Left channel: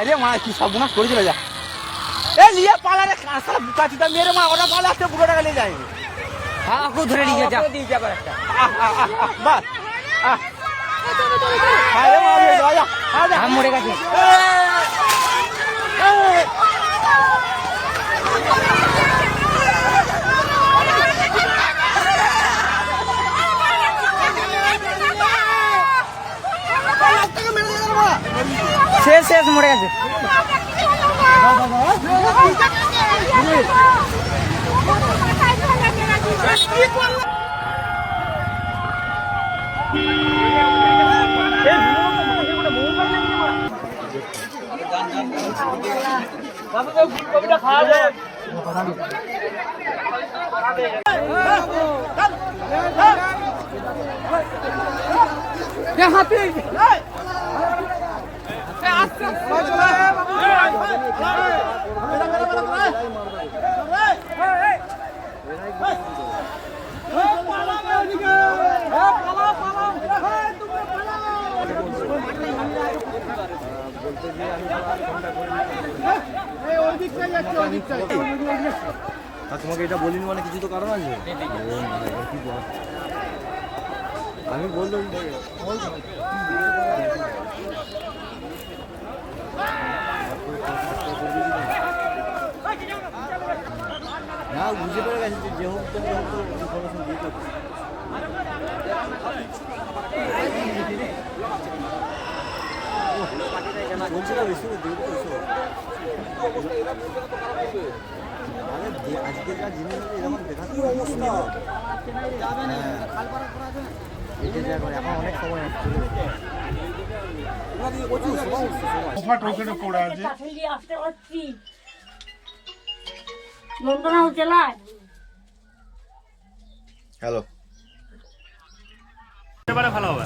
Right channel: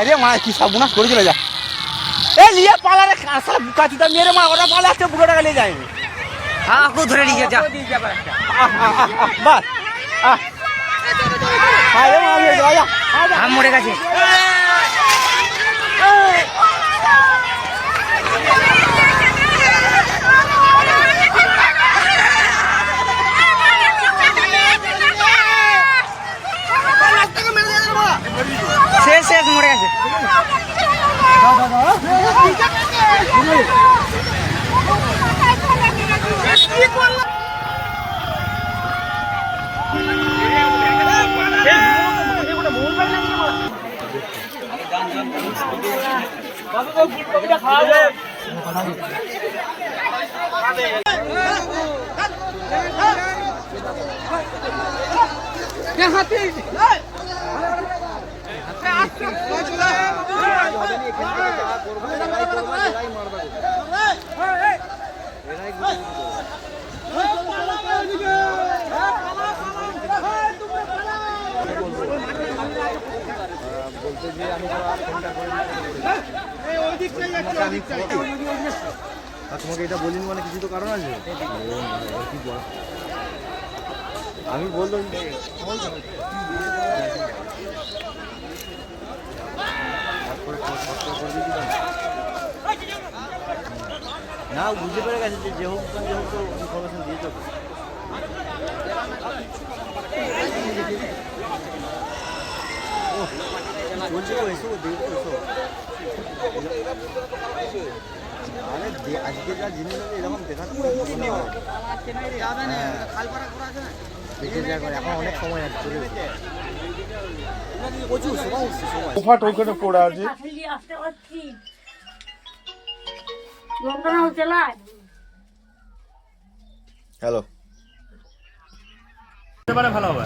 রে মা কি সর্বনাশ করে চলে যা এ নিয়ে পালারে কাটিটা মেরে মা ওরা পালাচ্ছে পুরোটা গেলে যায়নি হ্যাঁ কো ধরে নিয়ে যা বাস আম মরে গেছে শেষ শেষ মরে গেছে তোমাকে এটা বলিনি মানে কিছু তো কারণ আছে আমি বললাম না বুঝতে পেরে গেছে যে হোক তো ইনফরমেশন দিতে বলছি এসো এসো আজকে যা জিনিস এরকম দেখাচ্ছি হ্যালো ভালো হবে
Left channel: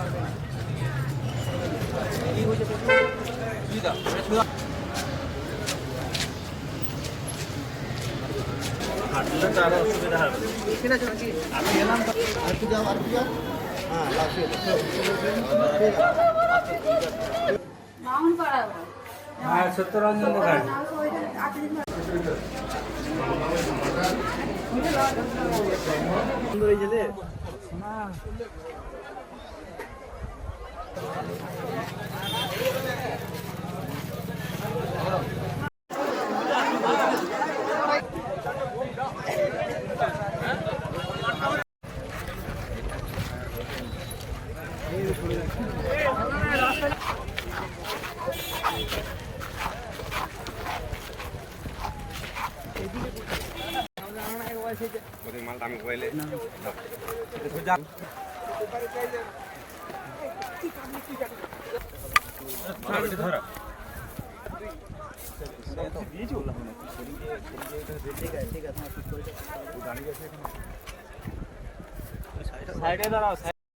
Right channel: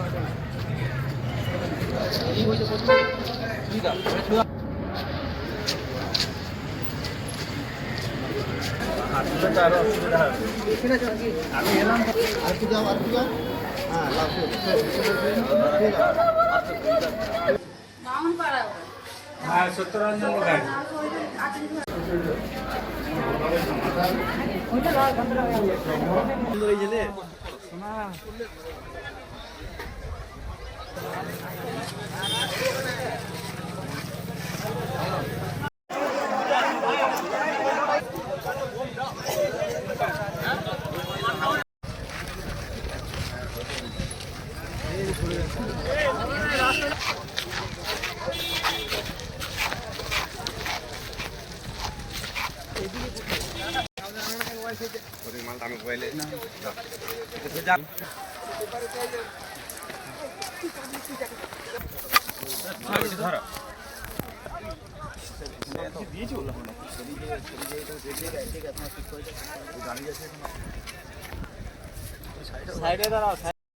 সত্যরঞ্জন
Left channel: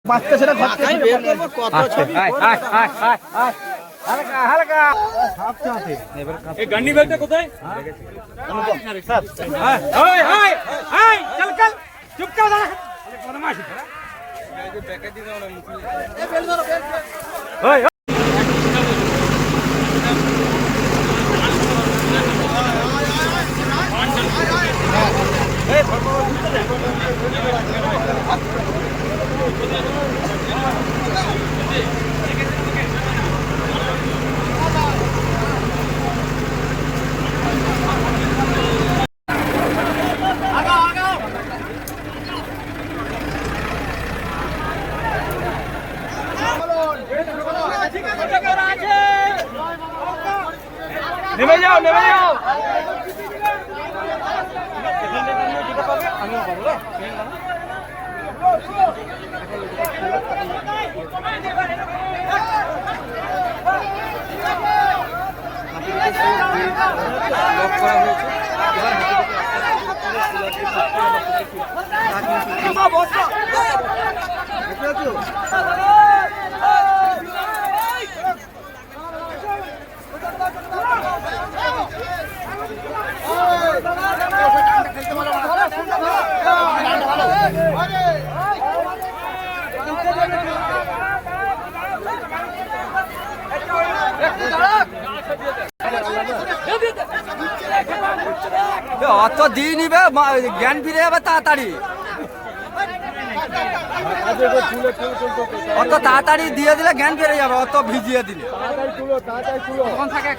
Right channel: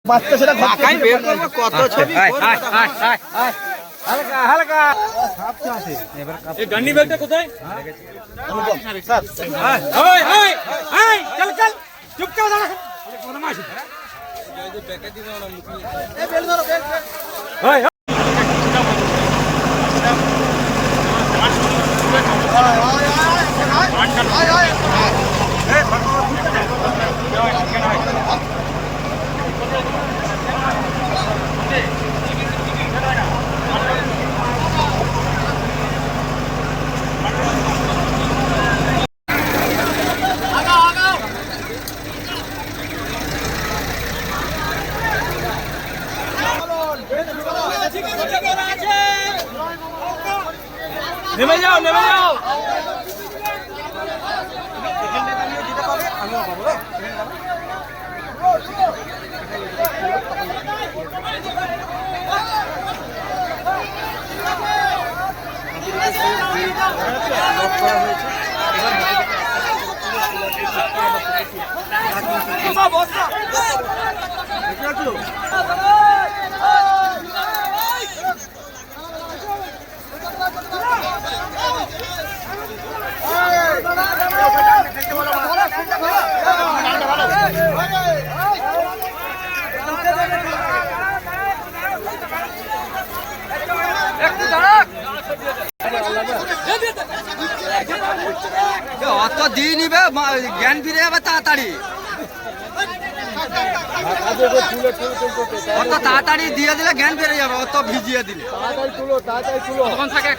বাচ্চা সেটা বের করবো কত ছবি গান্ডি ব্যাগটা কোথায় চুপ করে দাঁড়া নেমে যাও যেতে পাবে আমিও পাবো লক করা হয়েছে অত দিয়ে নিবে জ্ঞান ফিরে যাবে তাড়াতাড়ি, অত তাড়াতাড়ি দিয়ে দিলে জ্ঞান ফিরে যাবে, অত ভিজিয়ে দিলে তখন থাকে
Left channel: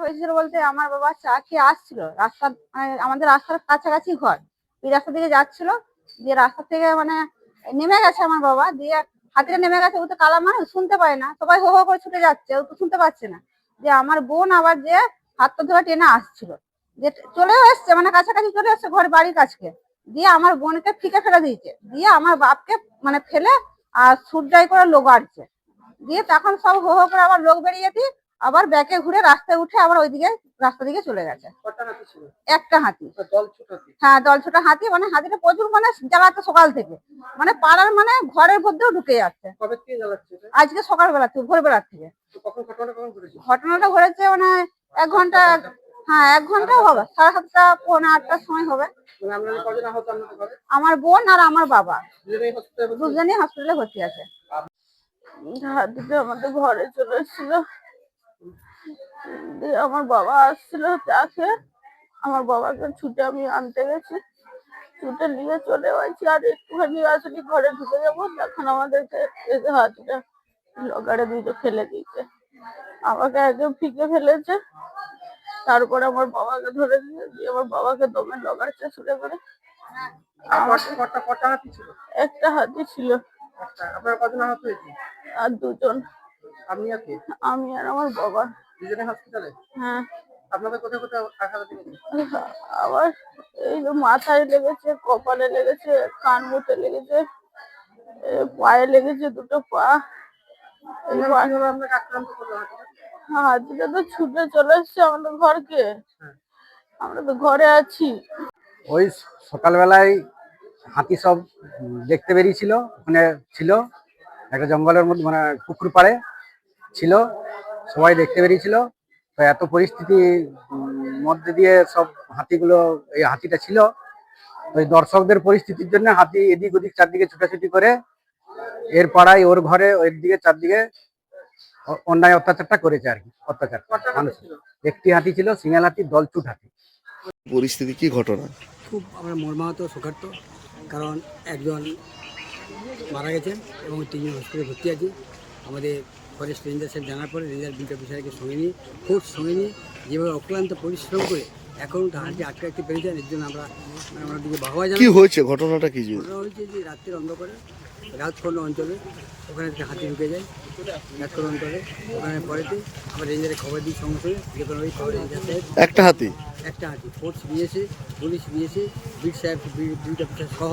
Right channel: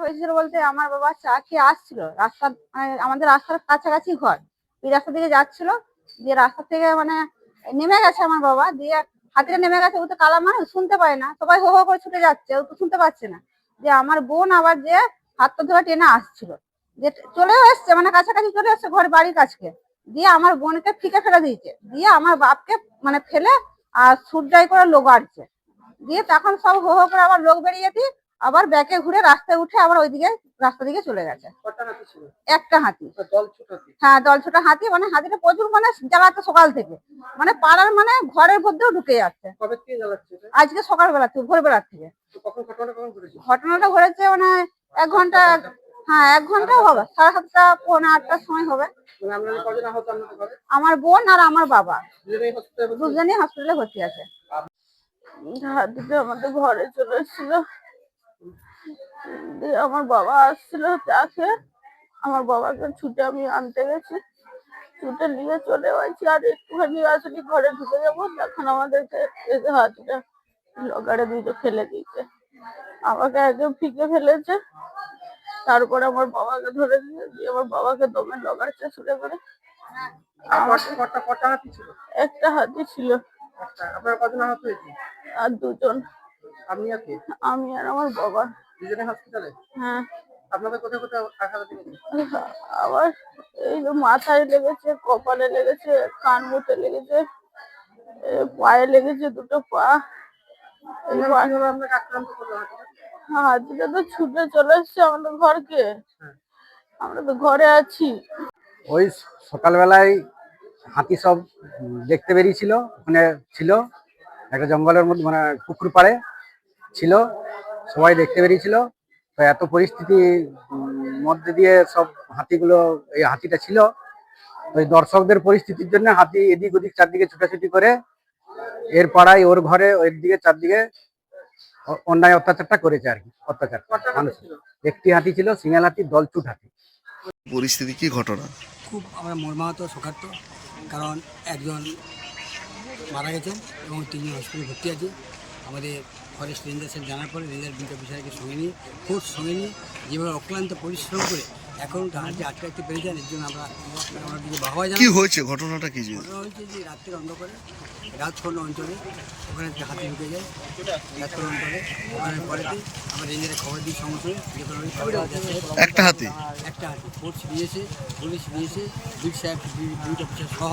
হয়েছিল বলতে আমার বাবা চা খেয়ে আসছিল, রাস্তা মানে আমাদের রাস্তার কাছাকাছি ঘর, এই রাস্তা দিয়ে যাচ্ছিল, দিয়ে রাস্তা থেকে মানে নেমে গেছে আমার বাবা, দিয়ে হাতিটা নেমে গেছে, ও তো কালা মানুষ শুনতে পায় না, সবাই হো হো করে ছুটে যাচ্ছে, ও তো শুনতে পাচ্ছে না, যে আমার বোন আবার যে হাতটা ধরে টেনে আসছিল, যে চলেও এসছে মানে কাছাকাছি চলে এসছে ঘর বাড়ির কাছকে, দিয়ে আমার বোনকে ফিকে ফেলে দিয়েছে, দিয়ে আমার বাপকে মানে ফেলে আর সুরজাই করে লোক আটছে, দিয়ে তখন সব হো হো করে আবার লোক বেরিয়ে দিয়ে আবার ব্যাকে ঘুরে রাস্তায় উঠে আবার ওইদিকে রাস্তা দিকে চলে গেছে। একটা হাতি, হ্যাঁ দল ছোট হাতি, মানে হাতিটা প্রচুর মানে জ্বালাচ্ছে সকাল থেকে, মানে পাড়ার মানে ঘরের মধ্যেও ঢুকে যাচ্ছে। আজকে সকালবেলা থেকে ভোরবেলার থেকে ঘটনাটা ঘটেছে, মানে 1 ঘন্টা, হ্যাঁ 1 ঘন্টা হবে, 7:30 পৌনে 8টার সময় হবে। আমার বোন আর আমার বাবা দুজনেই হসপিটালে ভর্তি আছে। হাতিটা আমাদের ঘরে চলে এসেছিল, দিয়ে আমার বাবা আসছিল চা খেয়ে, আমার বাবাকে ছুটে আমি আনতে গেছি, ছুটে নিয়ে চলে আসছি, আর একটুখানি আসলে ঘরে ঢুকে যাবো, তখন আমাদেরকে হাতিটা লগারে দিতে ফেলে দিয়েছে, আমাকে একদম ফিকে ফেলেছে, তারপরে আমার বাবাকে ধরে দিয়ে আমার বাবাকে দমে লগাচ্ছে শুরু করে। একটা হাতি ছিল। আর 2জন, আমি আর আমার বাবা। হ্যাঁ, আবার এই যে মাথায় লেগেছে, কপালে লেগেছে, কান মুটে লেগেছে, পায়ে লেগেছে, 2টো পা। হাতিটা তো ছুটে চলে এসছে আমাদের ঘরকে, আমরা তো ঘরে আছি। ওই সকালবেলায় হাতি সব দেখতে বেরিয়েছিল, ওখানে ছিল একটা জঙ্গলের মধ্যে, মানে পুকুর পাড়ে ছিল, সবাই দেখতে বেরিয়েছিল। তো এত পরিস্থিতি মধ্যে দিয়ে সব হাতিগুলো, এই হাতিটা ছিল, ওই দর্শকদের পরিস্থিতির জন্য হাতি এদিক ওদিক চারদিকে ছুটাছুটি করে এর পাড়ায় ওর ঘরে ওর দিকে চারদিকে অন্যায় অত্যাচারটা করেছে আর কি। অত্যাচার একটি হাতি ছিল, সিঙ্গেল হাতি, দলছুট হাতি। পরিস্থিতি কি ঘটনা? খুব আমরা মর্মাহত, শোকার্ত, কারণ একজন মারা গেছেন এবং 3জন হসপিটালে ভর্তি আছে। আমাদের ফরেস্ট রেঞ্জার সাহেব জানার পরে রেঞ্জার বিট অফিসারকে সঙ্গে নিয়ে, ফোর্স সঙ্গে নিয়ে, যেভাবে অক্লান্ত পরিশ্রম করে এখন হাতি আটকে রাখতে পেরেছেন, এর জন্য আমরা ওনাদেরকে বাহবা জানাই। কি হয়েছে, ঘটনাটা কি? ঘটনা হয়েছে যে রাত্রের অন্ধকারে রাজখন্ড অঞ্চলে ওখানে থেকে হাতি ঢুকে যায় রাজখন্ড অঞ্চলে, ওখানে পরেতে আমরা রেঞ্জারের খবর দিই সঙ্গে সঙ্গে, যখন ওই খবর রেঞ্জার সাহেব একটা হাতি ফোর্স নিয়েছে, পুলিশ নিয়েছে, বিট সাহেব, বিট অফিসার সহ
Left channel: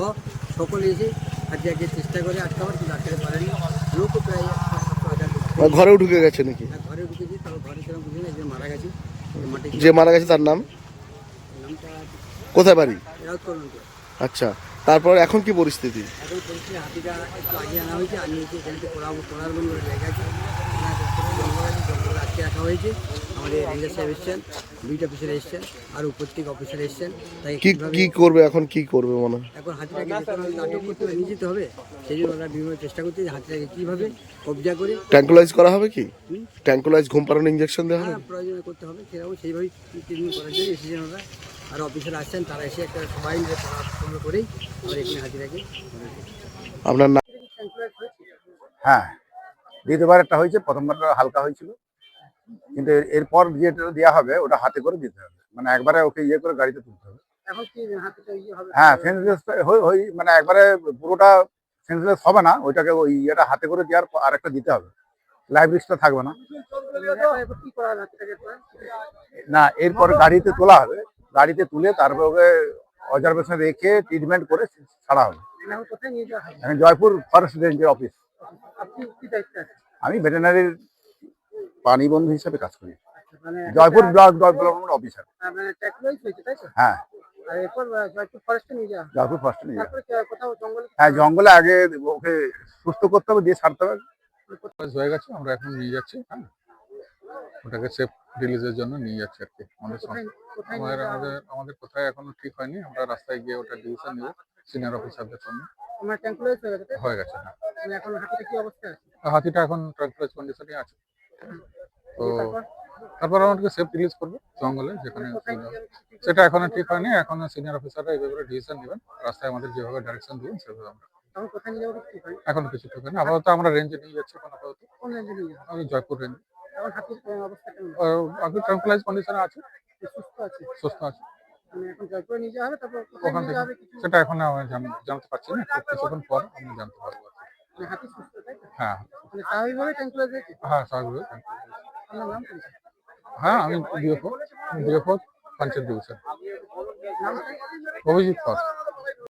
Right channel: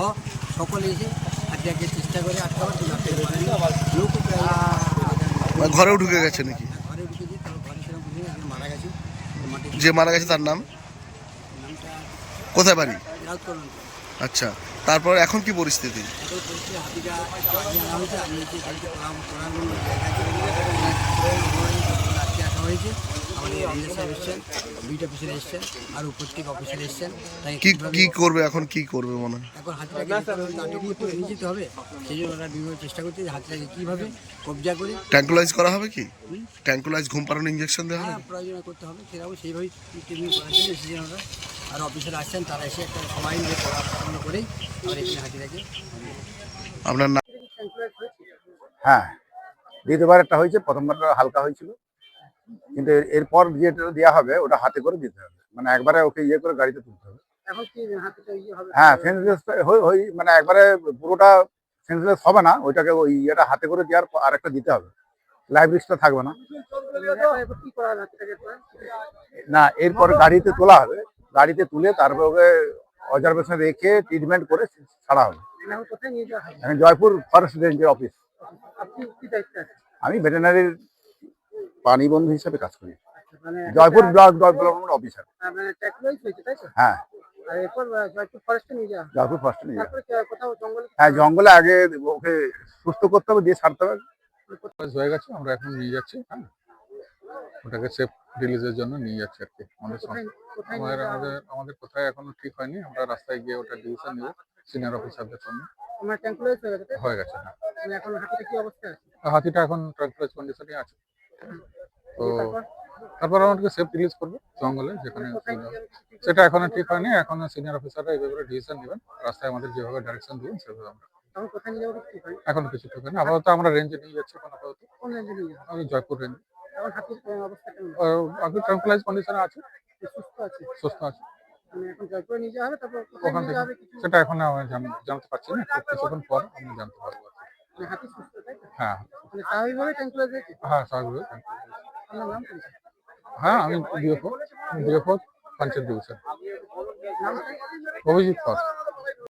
সকলে এসে হাতিয়াকে চেষ্টা করে আটকাবার, কিন্তু আটকাতে পারেনি। লোকও প্রায় 500-700 ঘরেও ঢুকে গেছে নাকি? ঘরে ঢুকেছে, তবে ঘরে সেরকম বুঝে না, একজন মারা গেছে। যে মারা গেছে তার নামটা কোথায়, বাড়ি? রাউতকল অঞ্চল। আচ্ছা, তারপর এখন কি পরিস্থিতি? এখন পরিস্থিতি, হাতিটা একটু আগে আনা হয়েছে, আনিয়েছে এখানে কোলারবন বলে জায়গা আছে, জঙ্গল আছে, জঙ্গলে আটকে রাখা হয়েছে। আমাদের রেঞ্জার সাহেব এসছেন, বিট অফিসার এসছেন, আর প্রত্যেক অফিসার এসছেন। তাই কি কীভাবে কি করবে এখন, কি করবে মনে হয়? এখন হাতিটাকে যেতে হবে, আটক করতে হবে, নিয়ে যেতে হবে। সেই জন্য ওরা বিভিন্ন চেষ্টা করছে যে হাতিটাকে কীভাবে কবজা করে ট্যাঙ্কুলাইজ করা হবে কি? ট্যাঙ্কুলাইজ ঘুম পাড়ানো ইঞ্জেকশন দেওয়া হবে? প্রয়োজনে করতে হবে, সেরকম সেইভাবেই ট্রিটমেন্ট করার জন্য এসেছেন ওরা। আর অফিসার আসছেন, তারা এসে একটা সবাই মিলে পড়াশোনা করেই আমরা এখানে হাতিটাকে আপনার নাম? হ্যাঁ, দ্বিতীয়বার একটা হয়েছে, প্রথমবারটা হালকা হয়েছিল, কিন্তু এরপর যেটা দেওয়া হবে ওটা হাতে করে দিতে হবে, মানে একবারে ওকে ইয়ে করে গাড়িতে তুলতে হবে। হ্যাঁ, সেন্সলেস মানে একবারে পুরোটা সেন্সলেস হবে না, ওইটাকে ওই ইয়েটা হাতে করে দেওয়ার আর একটা দিতে হবে, লাইফ রিস্কটা থাকবে না। না, এরপর গাড়িতে তোলা হবে, গাড়িতে তুলে তারপর ওকে অবজারভেশন রেখে ট্রিটমেন্ট করে ছাড়া হবে। এখন জয়পুর ফরেস্ট রেঞ্জের অফিস। আমি ভেটেরিনারির প্রাণী বন্ধু হিসেবে কাজ করি, জয়পুর ব্লক ডেভেলপমেন্ট অফিসার। হ্যাঁ, জয়পুর ফরেস্টে নিয়ে যাওয়া। হ্যাঁ, জঙ্গলে আগে ওকে সুস্থ করতে হবে, দিয়ে ছাড়তে হবে। হয়ে গেছে, আমরা এখন নিয়ে যাচ্ছি। হ্যাঁ, ওটাকে সেফ রিলিজের জন্য নিয়ে যাচ্ছি আর কি। আমাদের কোথায় এখনো ঠিক হয়নি, আমরা রাস্তায় গিয়ে ওটা ডিসিশন নেব সিনিয়র অফিসারদের সঙ্গে। হয়ে গেছে। হ্যাঁ, হাতিটা এখন ট্রাঙ্কুলাইজ কন্ডিশনে আছে। তো তারপর আমাদেরকে সেফ রিলিজ করবো জঙ্গলে, যেখানে সেটা এখনো ঠিক হয়নি। এখন সিনিয়র অফিসাররা এই ব্যাপারে ডিসিশন নেবেন, রাস্তায় আমাদের যেভাবে ডাইরেকশন দিবেন সেভাবে আমরা। এখন কিছু ঠিক হয়নি, আপাতত আমরা রেঞ্জে নিয়ে যাচ্ছি। এখন আপাতত আমি জয়পুর রেঞ্জ। আগে ট্রাঙ্কুলাইজ কন্ডিশনে আছে, সুস্থ আছে। ওখান থেকে সেটা এখন আমি জানতে পারছি না, কিছুক্ষণ পর আমি জানতে পারবো। হ্যাঁ, হ্যাঁ, স্বাভাবিক। হ্যাঁ, আমি ডিএফও পঞ্চায়েত ডিভিশন, অভিজিৎ কর।